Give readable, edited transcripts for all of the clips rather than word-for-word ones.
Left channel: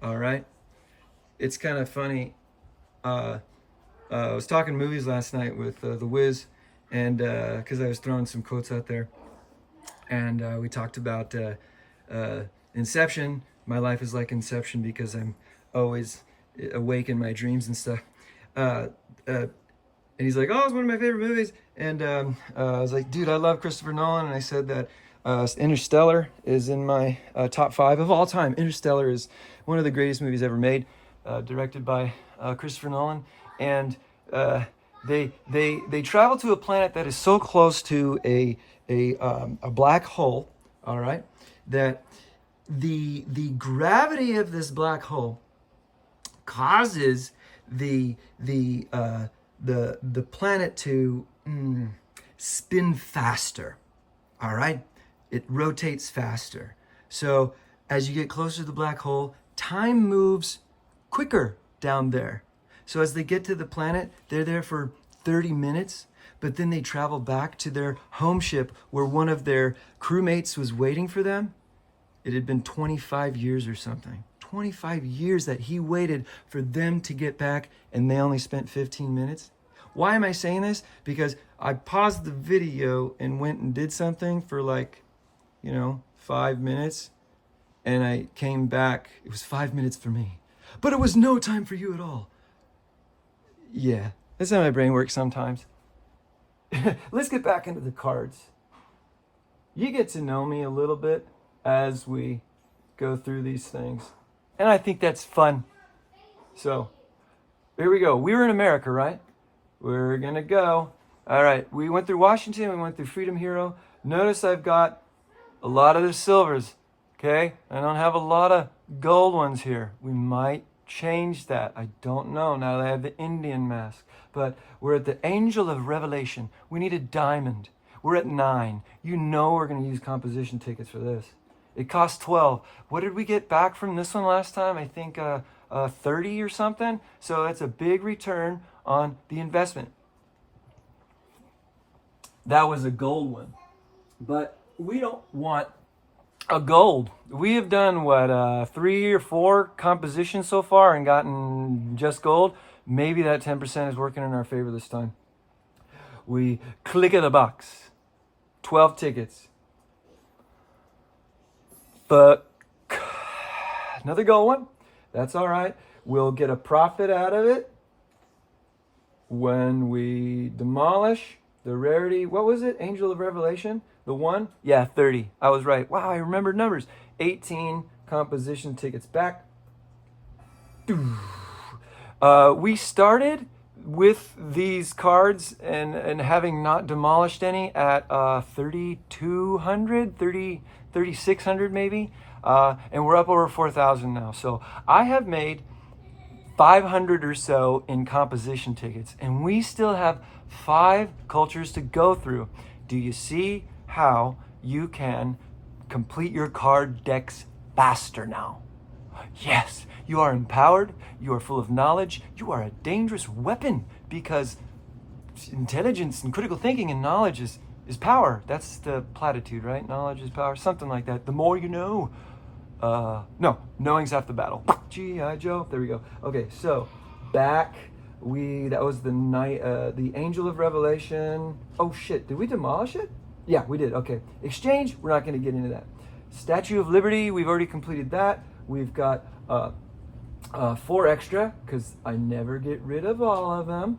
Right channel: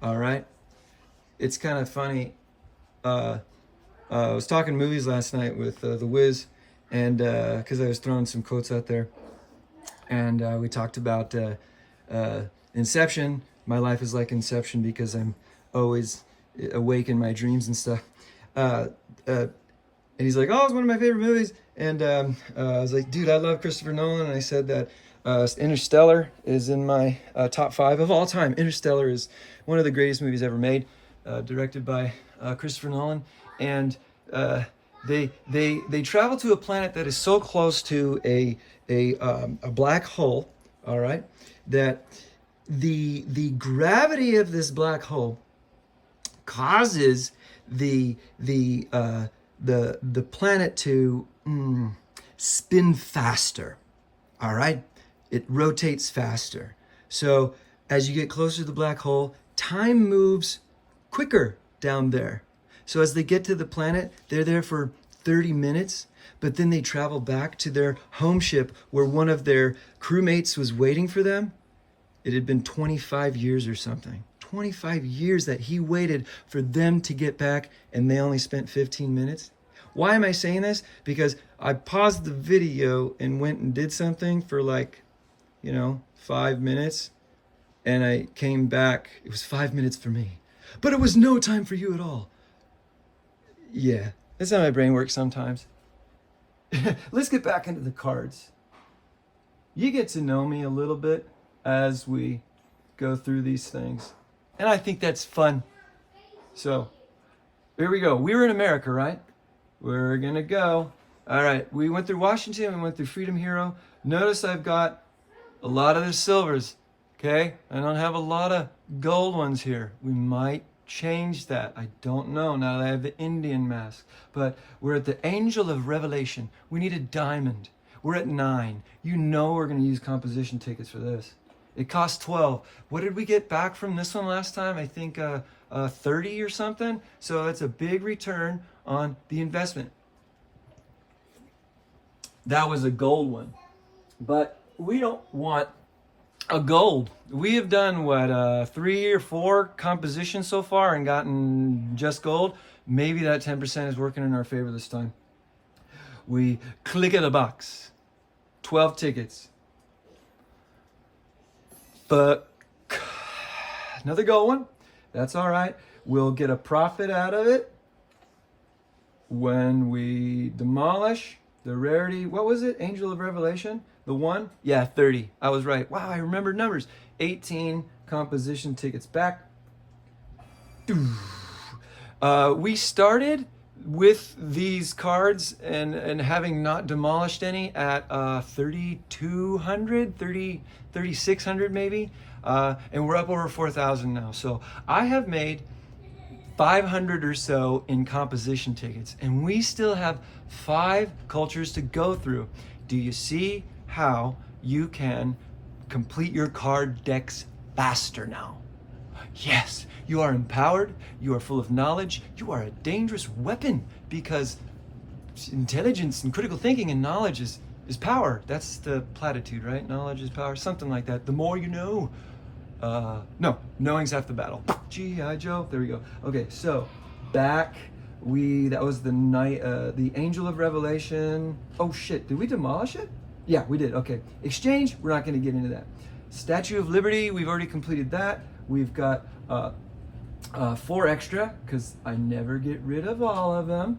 All right. It's kind of funny. I was talking movies last night with the Wiz, and because I was throwing some quotes out there, and we talked about Inception. My life is like Inception because I'm always awake in my dreams and stuff. Uh, and he's like, "Oh, it's one of my favorite movies." And I was like, "Dude, I love Christopher Nolan." And I said that Interstellar is in my top five of all time. Interstellar is one of the greatest movies ever made, directed by Christopher Nolan. And uh, they travel to a planet that is so close to a black hole. All right, that the gravity of this black hole causes the planet to spin faster. All right, it rotates faster. So as you get closer to the black hole, time moves quicker down there. So as they get to the planet, they're there for 30 minutes, but then they travel back to their home ship where one of their crewmates was waiting for them. It had been 25 years or something. 25 years that he waited for them to get back, and they only spent 15 minutes. Why am I saying this? Because I paused the video and went and did something for 5 minutes, and I came back. It was 5 minutes for me, but it was no time for you at all. Yeah, that's how my brain works sometimes. Let's get back into the cards. You get to know me a little bit as we go through these things. And I think that's fun. So, here we go. We were in America, right? We're going to go. All right, we went through Washington. We went through Freedom Hero. Notice I've got a lot of the silvers, okay? I don't have a lot of gold ones here. We might change that. I don't know now that I have the Indian mask. But we're at the Angel of Revelation. We need a diamond. We're at 9. You know we're going to use composition tickets for this. It costs 12. What did we get back from this one last time? I think 30 or something. So that's a big return on the investment. That was a gold one. But we don't want a gold. We have done, 3 or 4 compositions so far and gotten just gold. Maybe that 10% is working in our favor this time. We click in the box. 12 tickets. But another gold one. That's all right. We'll get a profit out of it when we demolish the rarity. What was it? Angel of Revelation? The one? Yeah, 30. I was right. Wow, I remembered numbers. 18 composition tickets back. We started with these cards and having not demolished any at 3,200, 3,600 maybe. And we're up over 4,000 now. So I have made 500 or so in composition tickets, and we still have 5 cultures to go through. Do you see how you can complete your card decks faster now? Yes, you are empowered, you are full of knowledge, you are a dangerous weapon because intelligence and critical thinking and knowledge is power. That's the platitude, right? Knowledge is power, something like that. The more you know. No, knowing's half the battle. G.I. Joe. There we go. Okay, so back that was the night, the Angel of Revelation. Oh shit, did we demolish it? Yeah, we did. Okay, exchange. We're not going to get into that. Statue of Liberty. We've already completed that. We've got 4 extra because I never get rid of all of them.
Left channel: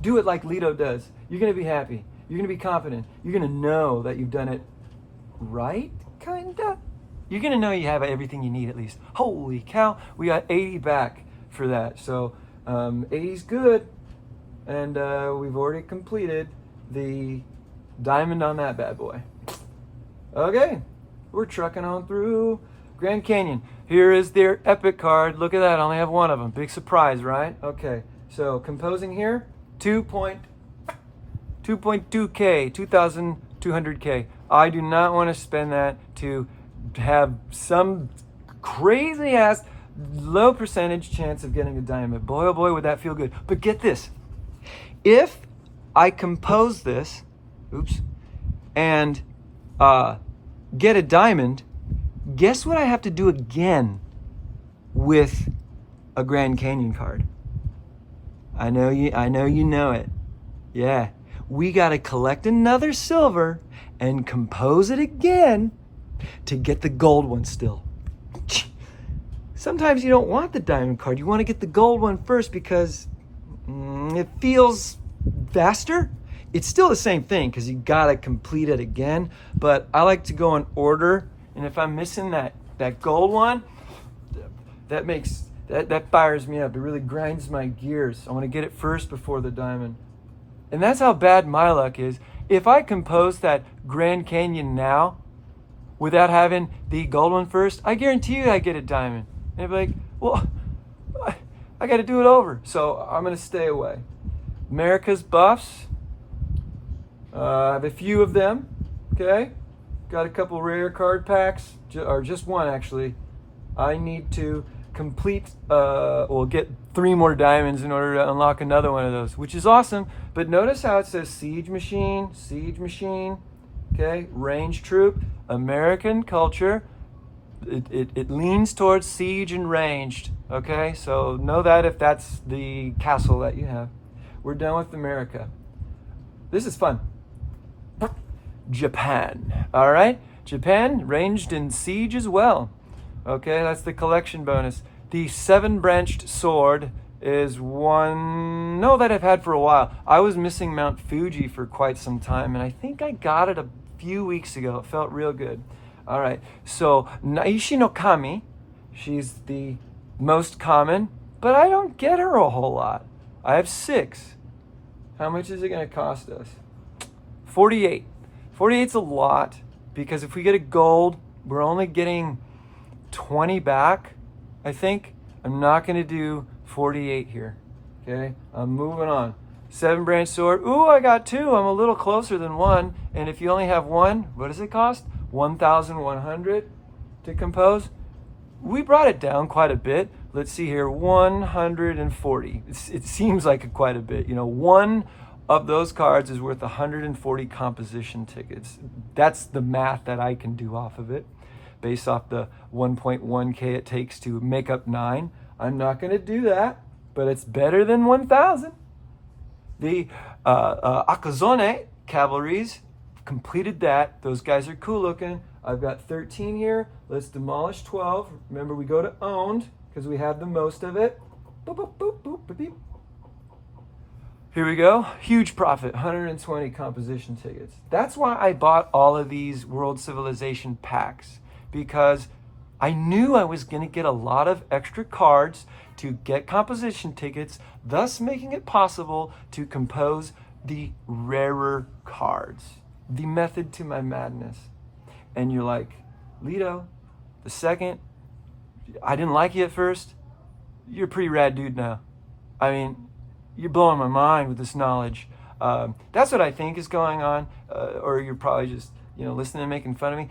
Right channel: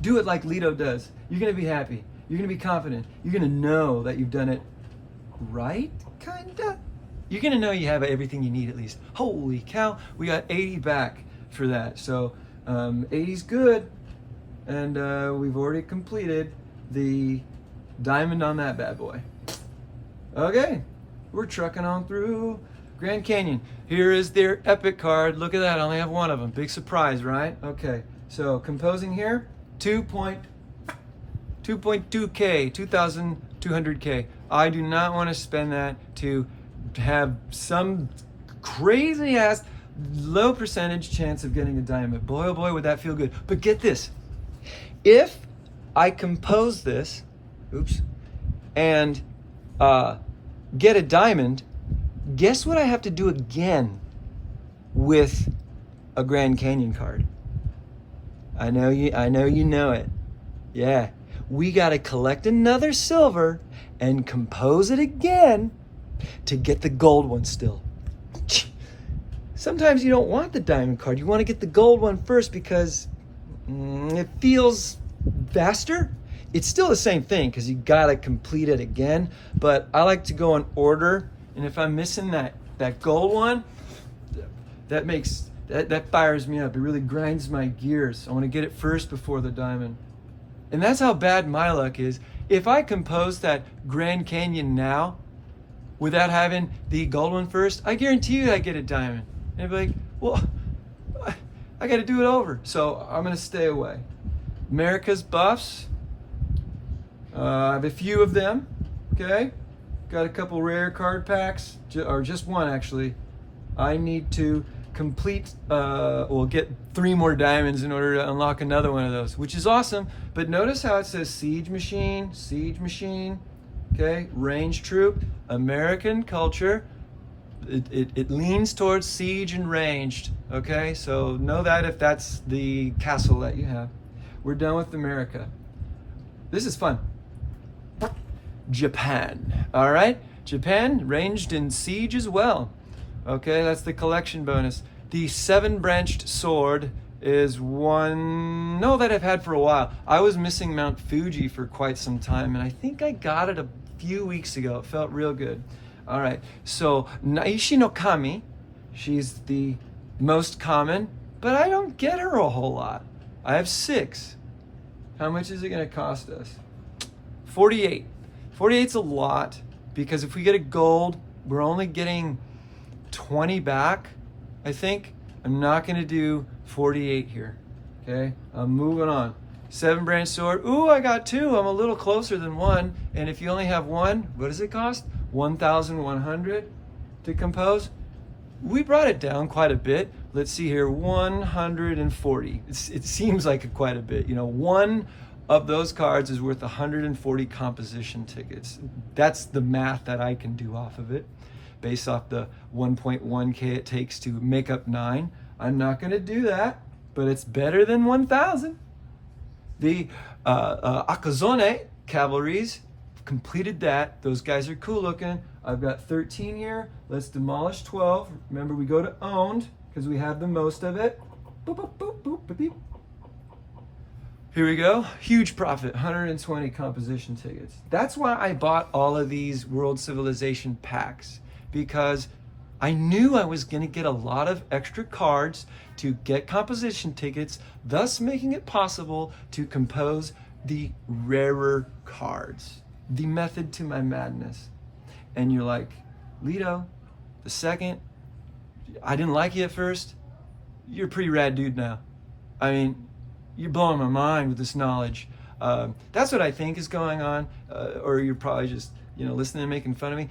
Do it like Lito does. You're going to be happy. You're going to be confident. You're going to know that you've done it right, kinda. You're going to know you have everything you need at least. Holy cow, we got 80 back for that. So 80's good. And we've already completed the diamond on that bad boy. Okay, we're trucking on through Grand Canyon. Here is their epic card. Look at that, I only have one of them. Big surprise, right? Okay, so composing here, 2.2K, 2,200K. I do not want to spend that to have some crazy ass low percentage chance of getting a diamond. Boy, oh boy, would that feel good. But get this. If I compose this, and get a diamond, guess what I have to do again with a Grand Canyon card. I know you know it. Yeah. We got to collect another silver and compose it again to get the gold one still. Sometimes you don't want the diamond card. You want to get the gold one first because it feels faster. It's still the same thing because you got to complete it again. But I like to go in order. And if I'm missing that gold one, that fires me up. It really grinds my gears. I want to get it first before the diamond. And that's how bad my luck is. If I compose that Grand Canyon now without having the gold one first, I guarantee you I get a diamond. And I'd be like, well, I got to do it over. So I'm going to stay away. America's Buffs. I have a few of them. Okay. Got a couple rare card packs, or just one actually. I need to complete, get 3 more diamonds in order to unlock another one of those, which is awesome. But notice how it says Siege Machine, okay, Range Troop, American Culture. It leans towards siege and ranged, okay? So know that if that's the castle that you have. We're done with America. This is fun. Japan, all right? Japan, ranged in siege as well. Okay, that's the collection bonus. The 7-branched sword is one that I've had for a while. I was missing Mount Fuji for quite some time, and I think I got it a few weeks ago. It felt real good. All right, so Naishi no Kami, she's the most common, but I don't get her a whole lot. I have 6. How much is it going to cost us? 48. 48's a lot, because if we get a gold, we're only getting 20 back, I think. I'm not going to do 48 here. Okay, I'm moving on. 7-branch sword. Ooh, I got 2. I'm a little closer than 1. And if you only have 1, what does it cost? 1,100 to compose. We brought it down quite a bit. Let's see here, 140. It seems like quite a bit. You know, one of those cards is worth 140 composition tickets. That's the math that I can do off of it, based off the 1.1K it takes to make up 9. I'm not going to do that, but it's better than 1,000. The Akazone cavalries, completed that. Those guys are cool looking. I've got 13 here. Let's demolish 12. Remember, we go to owned because we have the most of it. Boop, boop, boop, boop, boop, boop. Here we go. Huge profit, 120 composition tickets. That's why I bought all of these World Civilization packs, because I knew I was going to get a lot of extra cards to get composition tickets, thus making it possible to compose the rarer cards. The method to my madness. And you're like, Lito, the second, I didn't like you at first. You're a pretty rad dude now. I mean, you're blowing my mind with this knowledge. That's what I think is going on. Or you're probably just, listening and making fun of me.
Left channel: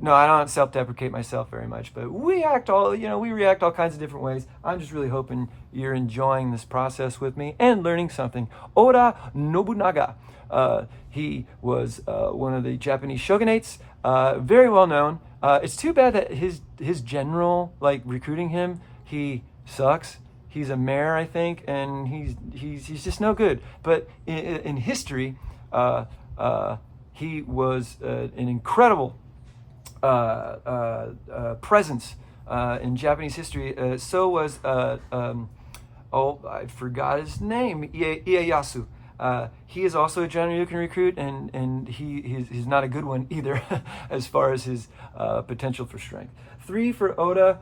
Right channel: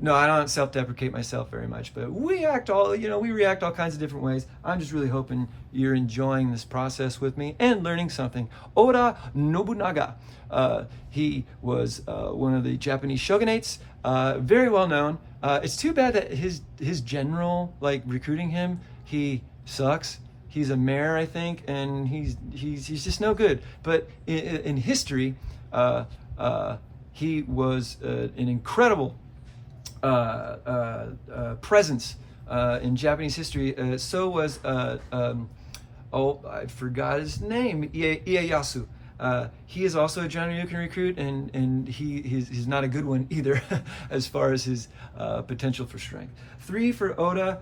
No, I don't self-deprecate myself very much, but we react all kinds of different ways. I'm just really hoping you're enjoying this process with me and learning something. Oda Nobunaga. He was one of the Japanese shogunates, very well known. It's too bad that his general, recruiting him, he sucks. He's a mayor, I think, and he's just no good. But in history, he was an incredible presence in Japanese history. So was I forgot his name, Ieyasu. He is also a general you can recruit, and he's not a good one either as far as his potential for strength. 3 for Oda,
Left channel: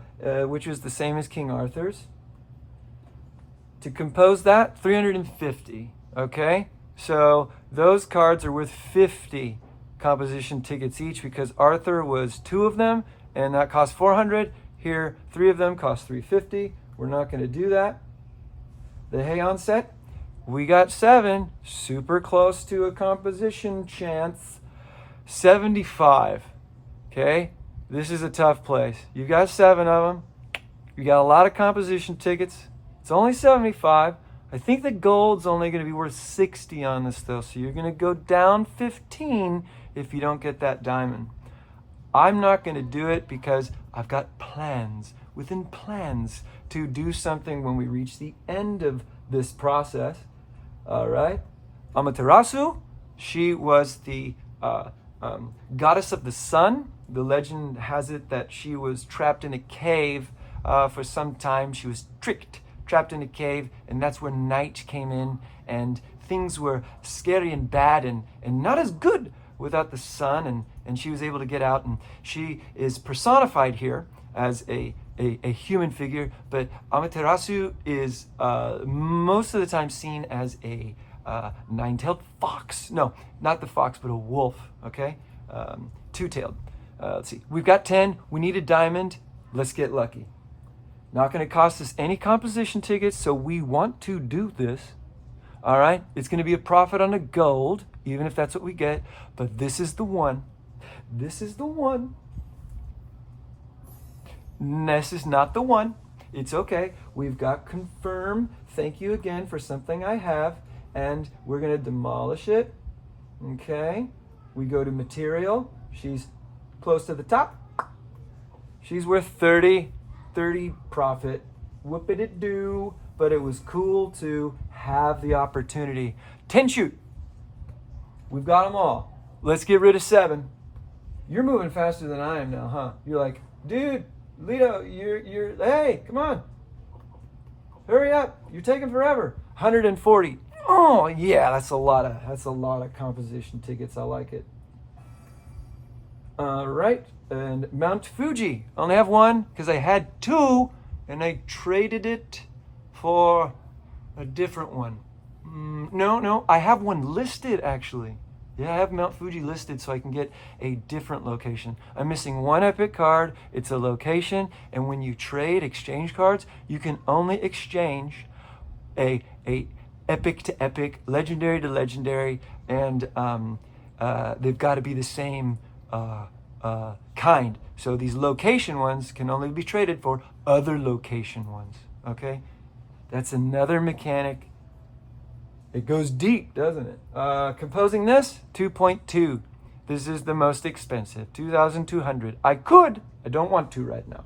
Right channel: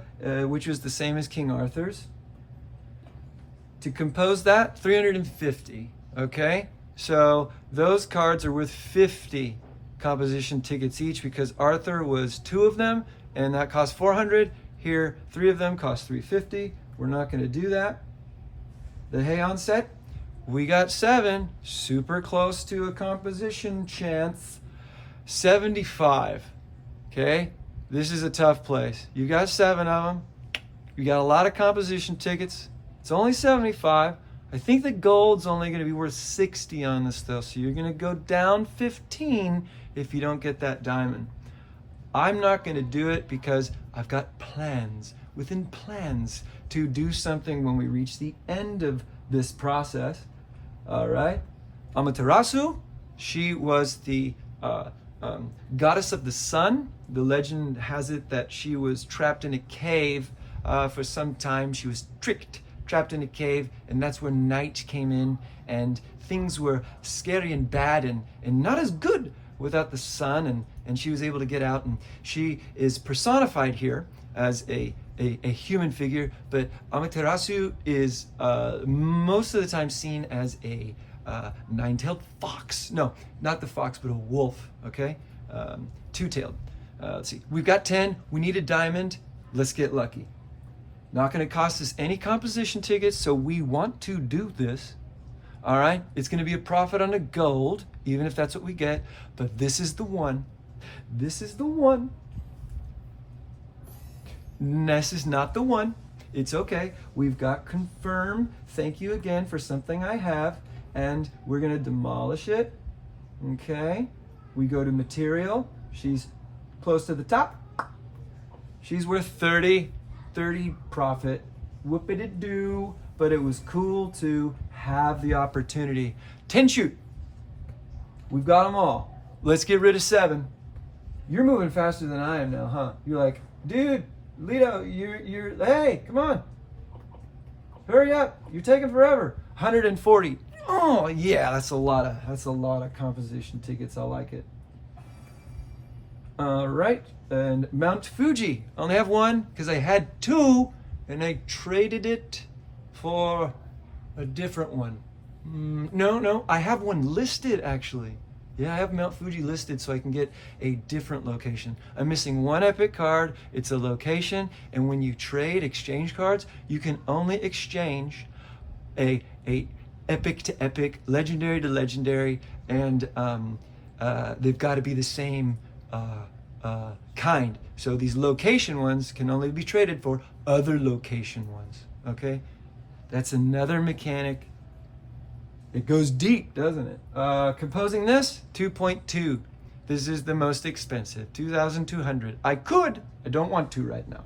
which was the same as King Arthur's. To compose that, 350. Okay, so those cards are worth 50 composition tickets each, because Arthur was 2 of them, and that cost 400. Here, 3 of them cost 350. We're not going to do that. The Heian set, we got 7, super close to a composition chance. 75. Okay, this is a tough place. You got 7 of them. You got a lot of composition tickets. It's only 75. I think the gold's only going to be worth 60 on this though, so you're going to go down 15 if you don't get that diamond. I'm not going to do it because I've got plans within plans to do something when we reach the end of this process. All right. Amaterasu, she was the goddess of the sun. The legend has it that she was trapped in a cave for some time. She was trapped in a cave, and that's where night came in, and things were scary and bad and not as good without the sun, and she was able to get out, and she is personified here as a human figure, but Amaterasu is most of the time seen as a nine-tailed fox. No, not the fox, but a wolf, okay? Two-tailed. Let's see, we've got 10, we need a diamond, let's get lucky. Not gonna cost us any composition tickets, so we want to do this. All right, it's gonna be a profit on the gold, even if that's what we get, but this is the one. This is the one. This is not the one. It's okay. We've got confirm. Thank you again for something I have, and we're gonna demolish it. Okay, we go to material. She's close to the top. She's worth 30 profit. Whoop-it-do. But it was cool to have the opportunity. 10 shoot. We've got them all. Let's get rid of 7. You're moving faster than I am now, huh? You're like, dude, Lito, you're, hey, come on. Hurry up. You're taking forever. 140. Oh, yeah, that's a lot of composition tickets. I like it. All right, and Mount Fuji. I only have one because I had 2, and I traded it for a different one. No, I have one listed actually. Yeah, I have Mount Fuji listed so I can get a different location. I'm missing one epic card. It's a location, and when you trade exchange cards, you can only exchange a epic to epic, legendary to legendary, and they've got to be the same kind. So these location ones can only be traded for other location ones. Okay, that's another mechanic. It goes deep, doesn't it? Composing this, 2.2. This is the most expensive, 2,200. I don't want to right now.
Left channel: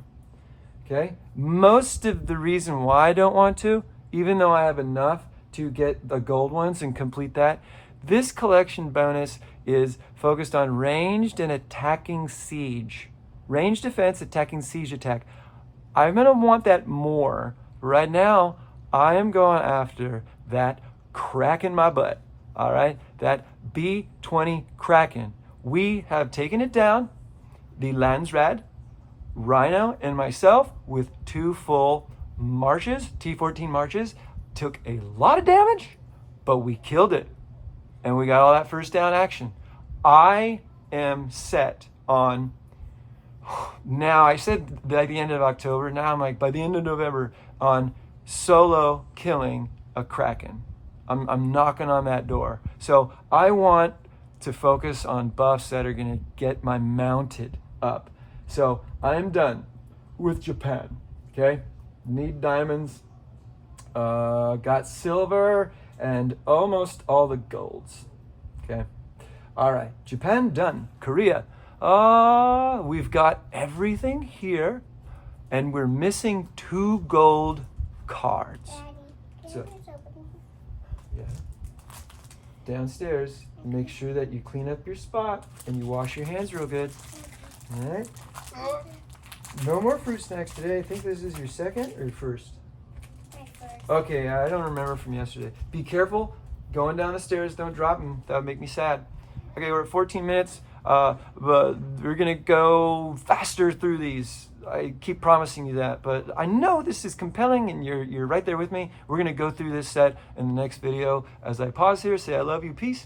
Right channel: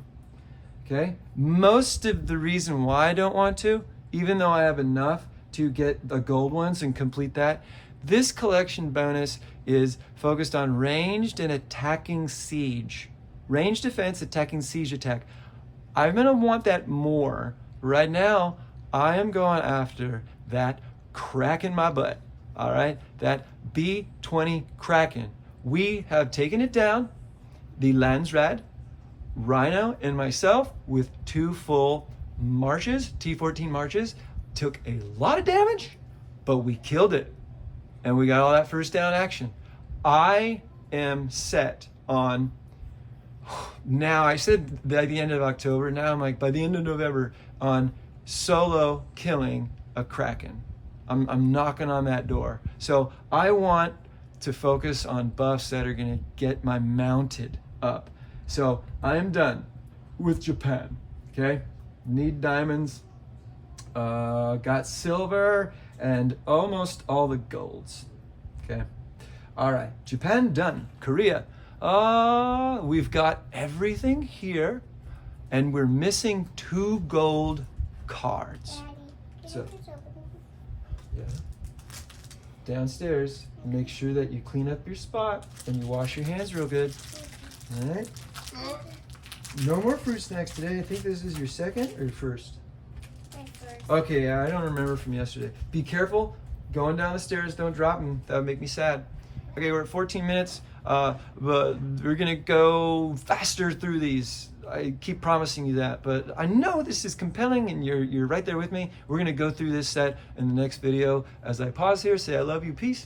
Okay, most of the reason why I don't want to, even though I have enough to get the gold ones and complete that, this collection bonus is focused on ranged and attacking siege. Ranged defense, attacking siege attack. I'm gonna want that more. Right now, I am going after that Kraken my butt, all right? That B20 Kraken. We have taken it down, the Landsrad, Rhino, and myself with 2 full marches, T14 marches, took a lot of damage, but we killed it. And we got all that first down action. I am set on, now I said by the end of October, now I'm like by the end of November, on solo killing a Kraken. I'm knocking on that door. So I want to focus on buffs that are gonna get my mounted up. So I'm done with Japan, okay? Need diamonds, got silver, and almost all the golds, okay? All right, Japan done. Korea, we've got everything here, and we're missing 2 gold cards. So, yeah, downstairs, make sure that you clean up your spot and you wash your hands real good. All right. No more fruit snacks today. I think this is your second or first? Okay, I don't remember from yesterday. Be careful going down the stairs. Don't drop them. That would make me sad. Okay, we're at 14 minutes. But we're gonna go faster through these. I keep promising you that, but I know this is compelling, and you're right there with me. We're gonna go through this set in the next video. As I pause here, say I love you, peace.